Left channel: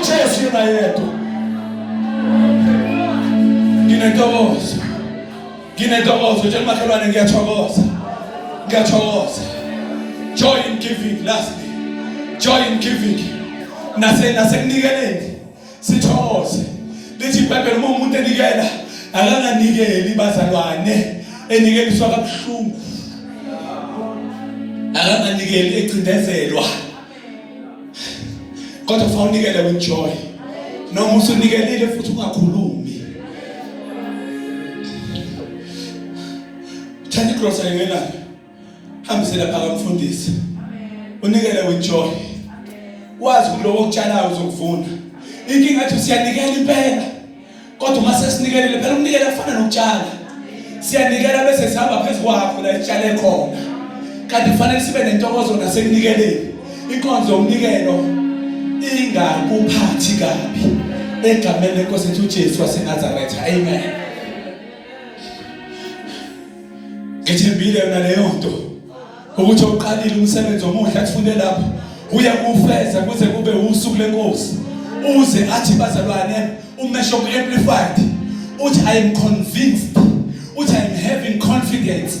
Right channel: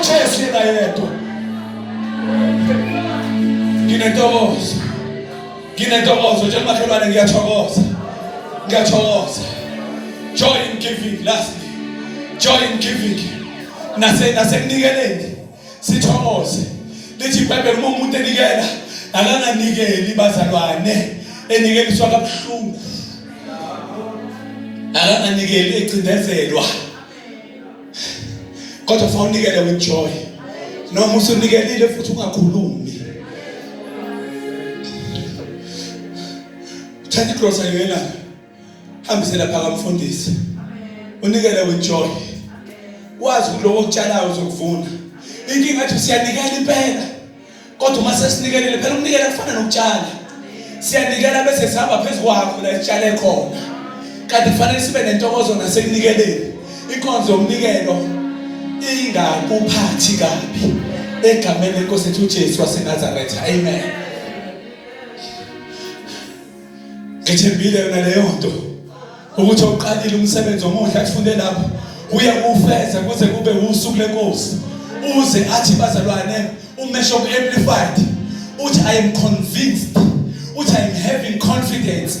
uJesu yena yedwa. Nginentokozo nje makhelwane, ngiyathokoza. Joy in giving, lastly. Joy in giving. Nasekunikeleni sithokoze. Lithi iBhayibheli uma umuntu enikela akanganikeli bazalwane, enikeliswa kabuhlungu. Akanganikeli ecindezelwa. Kodwa fanele unikele with joy. Noma usunikelile futhi ungakhulumi. Thatha igrosa yena. Hambisela phaka mfundisi. Unikele with joy. Wazi ukuthi lokho okutshalayo uzokuvuna. Inkinga athi siyanikela impela. Kodwa mase sinikelele phela ukunikela kufana nokutshala. Siyanikela bese sihamba phezulu kwakho la itshale khona. Kanti kufanele sibe nentokozo nasekunikeleni. Inkonzo yomnikelo ingakuphathi kabi. Egameni lenkosi yethu uJesu waseNazaretha. Amen. Ngithembile yona leyo nto ukuthi uqalile umsebenzi omuhle afunde lapho uyakufeza kuze kube usuku lenkosi. Uze athi bazalwane umesho amplified uthi I am convinced, uthi I am having confidence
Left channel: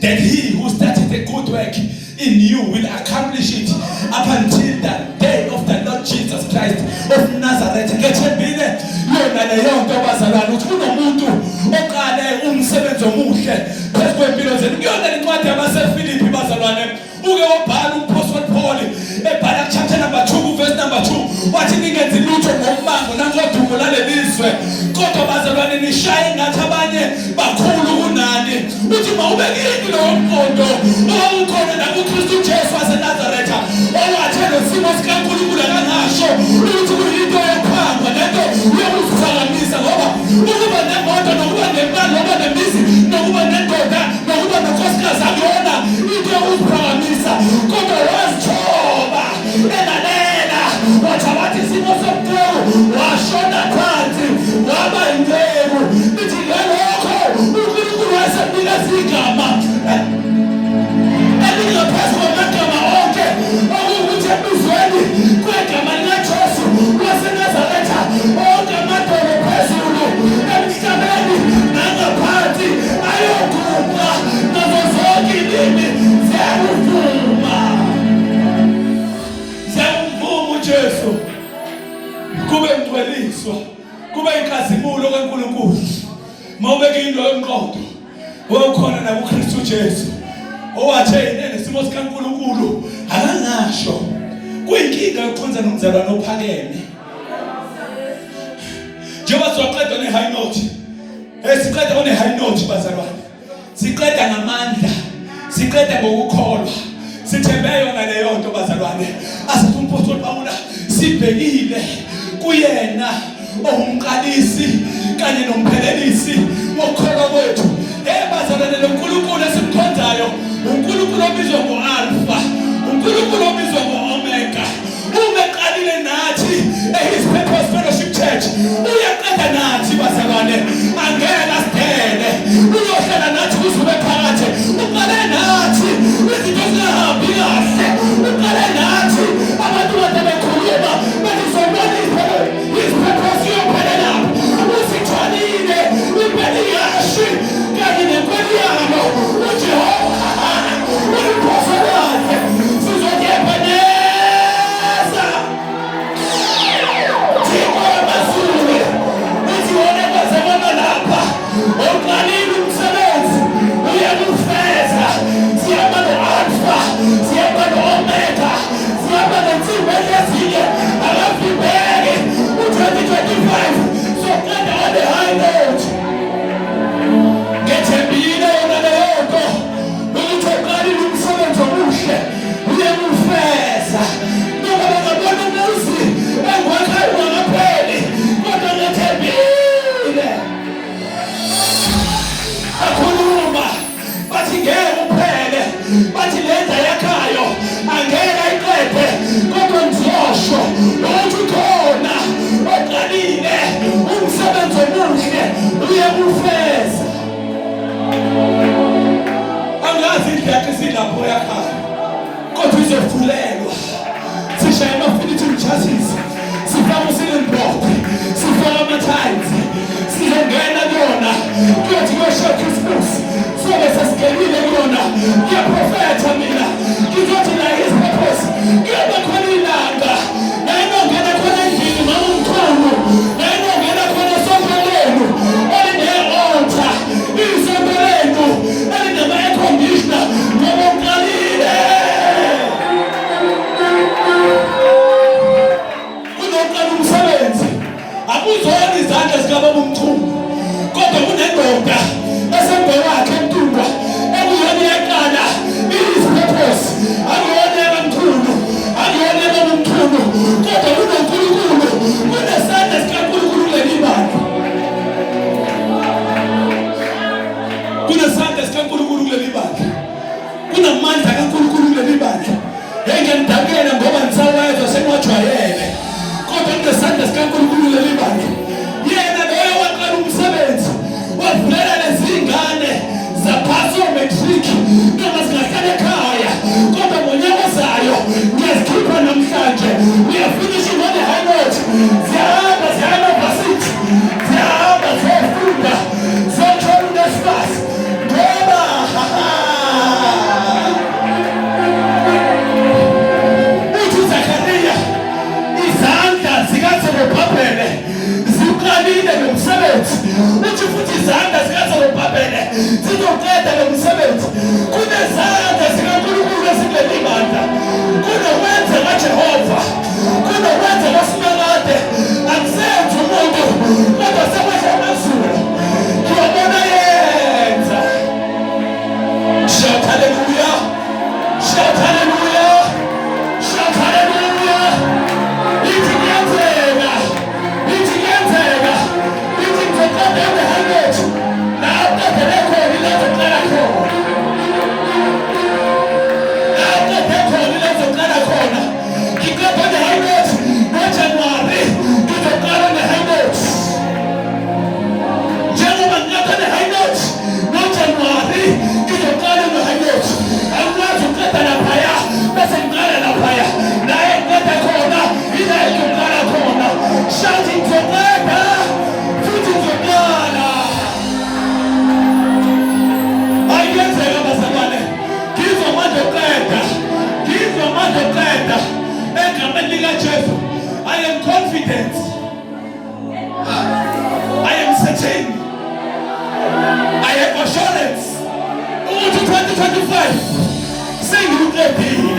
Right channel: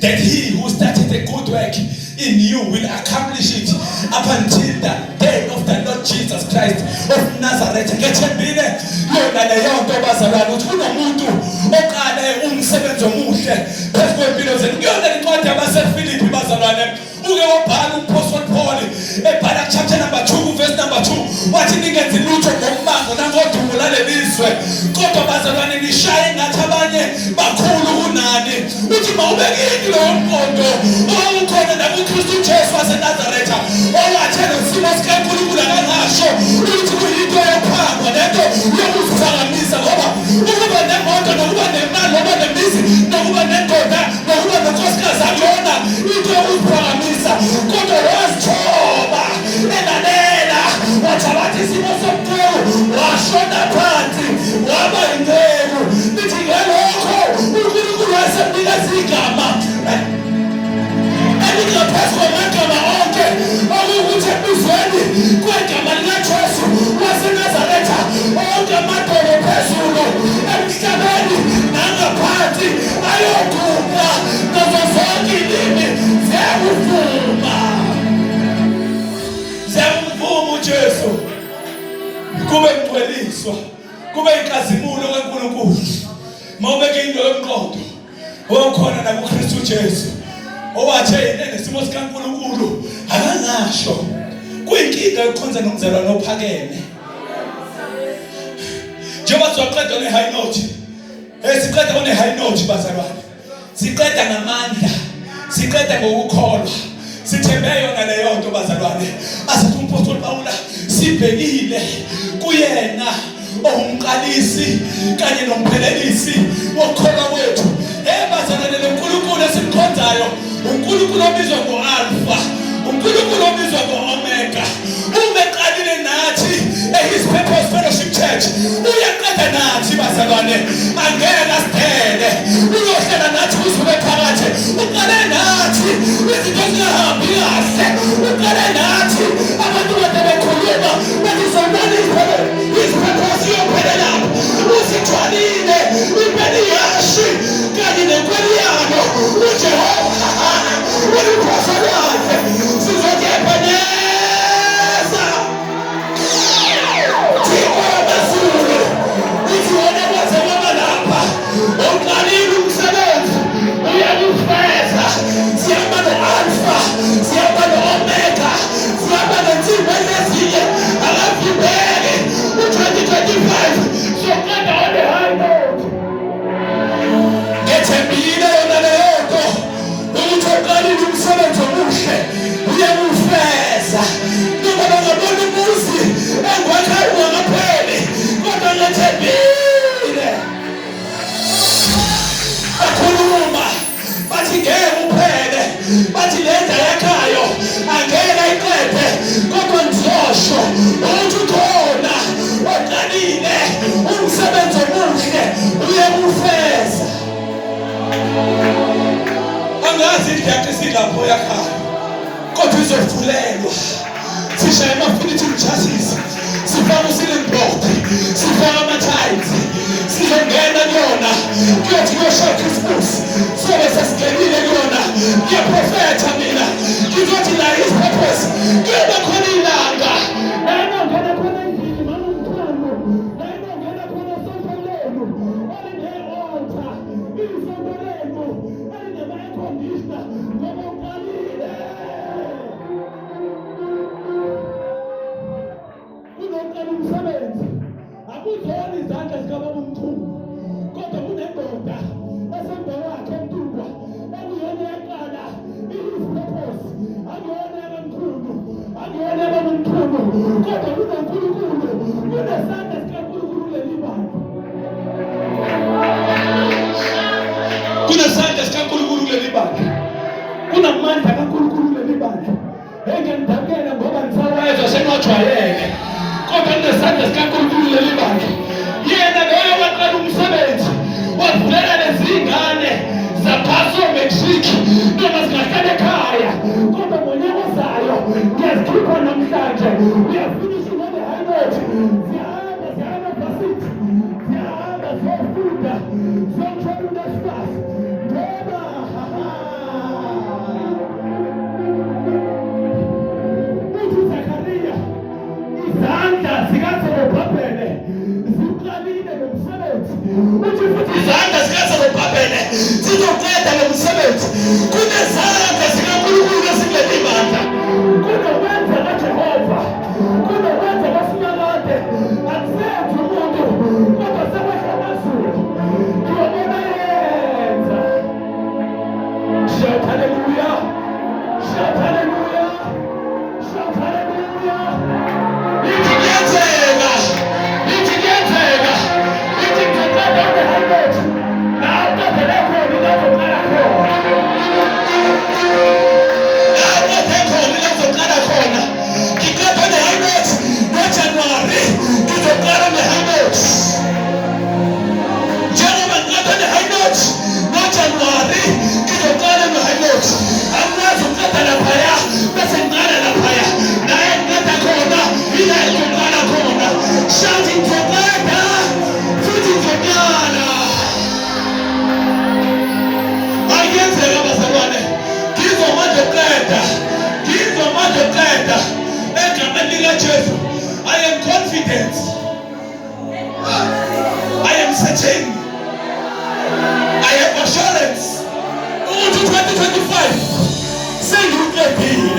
that he who started a good work in you will accomplish it up until the day of the Lord Jesus Christ of Nazareth. Ngethembile yona leyo nto bazalwane ukuthi kunomuntu oqale umsebenzi omuhle phezu kwempilo zenu. Kuyona incwadi yabaseFilipi bazalwane, uke wabhala uApostle Paul ebhala chapter number 2 verse number 2 wathi ningenzi lutho ngombango nangodumo lalelizwe, kodwa bazalwane nishaye ngathi abanye bakhulu kunani. Uthi mawubekeni loyo mqondo owukhona nakuKristu Jesu waseNazaretha, owathi nesimo sikaNkulunkulu akangasho ukuthi kuyinto yokuphangwa lento yokuziphakamisa, ngoba ukuba nemoto nokuba nemali nokuba nemizi nokuba nendoda nokuba nonkosikazi akuyona into yokuziphakamisa, kodwa wazithoba elalela wathi isimo somqulu washona phansi waba imbewu. Lithi ngalokho uNkulunkulu wasemnika igama elingaphezu kwamagama onke, okuwukuthi ebizweni kwegama likaJesu waseNazaretha onke amadolo phezulu emhlabeni nangaphansi ayogubha nazo zonke ilimi ziyamvuma uJesu. Kube ngcweliswa, kube inkazimulo kaNkulunkulu. Mawubeke into yomqondo okhona nakuKristu Jesu, owathi nesimo sikaNkulunkulu akangasho. Kuyinkinga yokukhonza nomzalwane ophakeme. Njengoba siqeda ne high note, siqeda ne high note bazalwane. Siqeda ngamandla, siqeda ngokukholwa. Sithembe yona leyo nto bazalwane. Asithi uMpostoli Pawula sibhekile kuyena ongumqalisi kanye nomphelelisi wokukholwa kwethu. Bazalwane, lo Nkulunkulu esimkhonzayo uNkulunkulu obizwa ngo-Alpha, uNkulunkulu obizwa ngo-Omega. Ubeqalile nathi His Purpose Fellowship Church, uyaqeda nathi bazalwane. Angeke asithele, uyohlela nathi kusuke phakathi. Uqale nathi izinto zingahambi kahle, uqale nathi abantu bekhuluma bezizonwabisa His Purpose yophelela. Usithwalile impela yashi kanye nempela yabo uJehova uliphosela wakhe sizokuphanyeza uqalile umsebenzi uyakufeza. Siyaba no-Alpha, siyaba no-Omega, siyaba nensimbi ezinye akavimbeki u-2025 soqeda on the high note. Ngethembile yona leyo nto ukuthi uqalile umsebenzi omuhle uyakufeza. Noma bangabona umuzi engwakhayo ungakapheli, kodwa ngethembile akhuluma bathi ngeke uphele, bathi lenda yakhayo angeke iqede, kodwa ngizosho ukuthi khona oqalile umsebenzi omuhle uyakufeza. Angazi indlela esilapho yakhayo, kodwa izovulelwa. Sishaya amafilithi umchasisi sifaka kuyothi kuyosha Christmas sobe sesingenile kuyona ngiyaprofetha mina ngizothi la his purpose kuyoba khona ilanga nayinongena khona endlini mama umthungu nayinongena khona sompelenu olinde-altar isompelenu elinama-air conditioner ngoba uqalile kunoqala umsebenzi akuzona izandla zikababa umthungu kodwa kunendoda esembe wakhe emtungwa ekuyona iyaqala his purpose akuyona yabamthungu akuyona yabamthungu kodwa kunonkulunkulu kunesandla sikankulunkulu kuleli bandla kunesandla sikankulunkulu kuleli bandla kunamandla kankulunkulu kuleli bandla engiyamdakela ngoba nisawezwa sengiwajwayele kodwa kunesandla sikankulunkulu kuleli bandla yena loyo waqala umsebenzi wavulela lezi ngane zaphasa ometric noma zingahlala ekhaya kodwa ngonyaka ozayo ngiyazikhipha namhlanje uyafinisha ngone high note ziyahamba varsity ziyahamba ziyafunda ziyothola uNSFAS ngoba uthi uZakhariya izandla zikaZerubhabhele ziqalile nomsebenzi uthi futhi izandla zikaZerubhabhele zizoqeda lo msebenzi kunezandla zikaNkulunkulu ezikuleli bandla kunokwenza kaJehova kunokwenza kaSimakade akusenzi umuntu kodwa sekwehla amazulu ngiyabona yenza shout hallelujah shout hallelujah shout hallelujah ithi kuyenzeka ithi kuyenzeka ithi ngizothatha high note la uqedele khona ilezoqala khona shouting together, putting together. I get there, Basabane. Give a man together. Give a man together. I am confident. I am certain. I have assurance. To 2025. Say you get deal.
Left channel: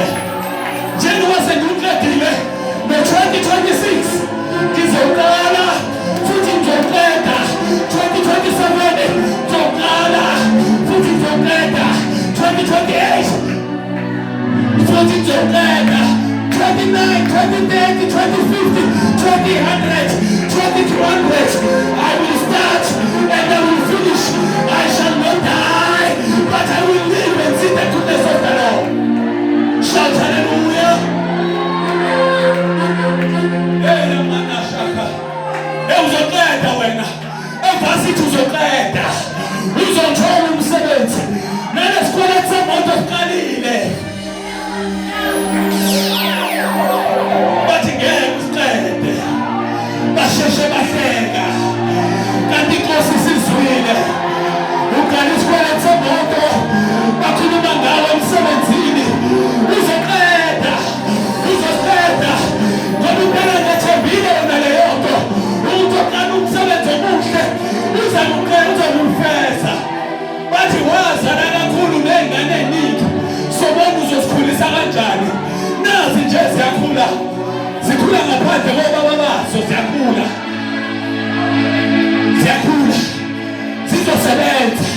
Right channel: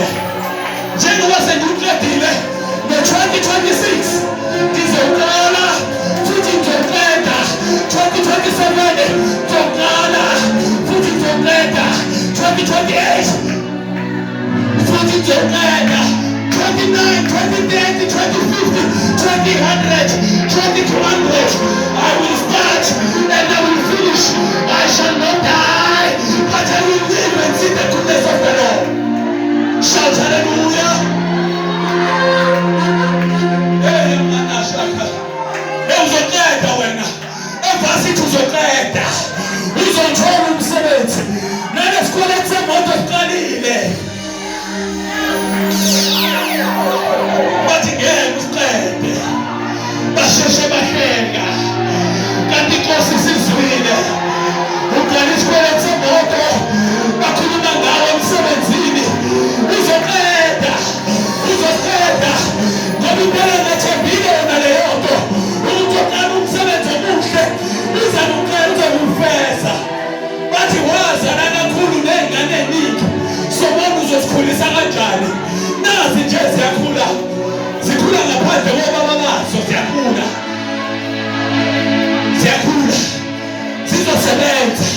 January say you get deal. The 2026. Kizokala, futhi together, 2027, together, futhi together, 2028, futhi together, 29, 2030, 2050, 2000, 2200. I will start and I will finish. I shall not die, but I will live and see the goodness of the Lord. Shout hallelujah. Uzokeda wena evasithi uzokeda uzothola umsebenzi nalesikweleti semoto esiqalile bathi ngeke usiqede basheshe bahleka kanti inkosi isizwile uqala isikweleti semoto bakhuluma ngawe emsebenzini uzokeda ngoba impela ngethembile yona leyo nto ukuthola umsebenzi omuhle uzamukwenza umfeza bathi wazana kakhulu nengane eningi sobona uzosikhulisa kanjani nazi nje ziyakhula zikhula ngaphandle kobaba bazo ziyakhula zizosebenza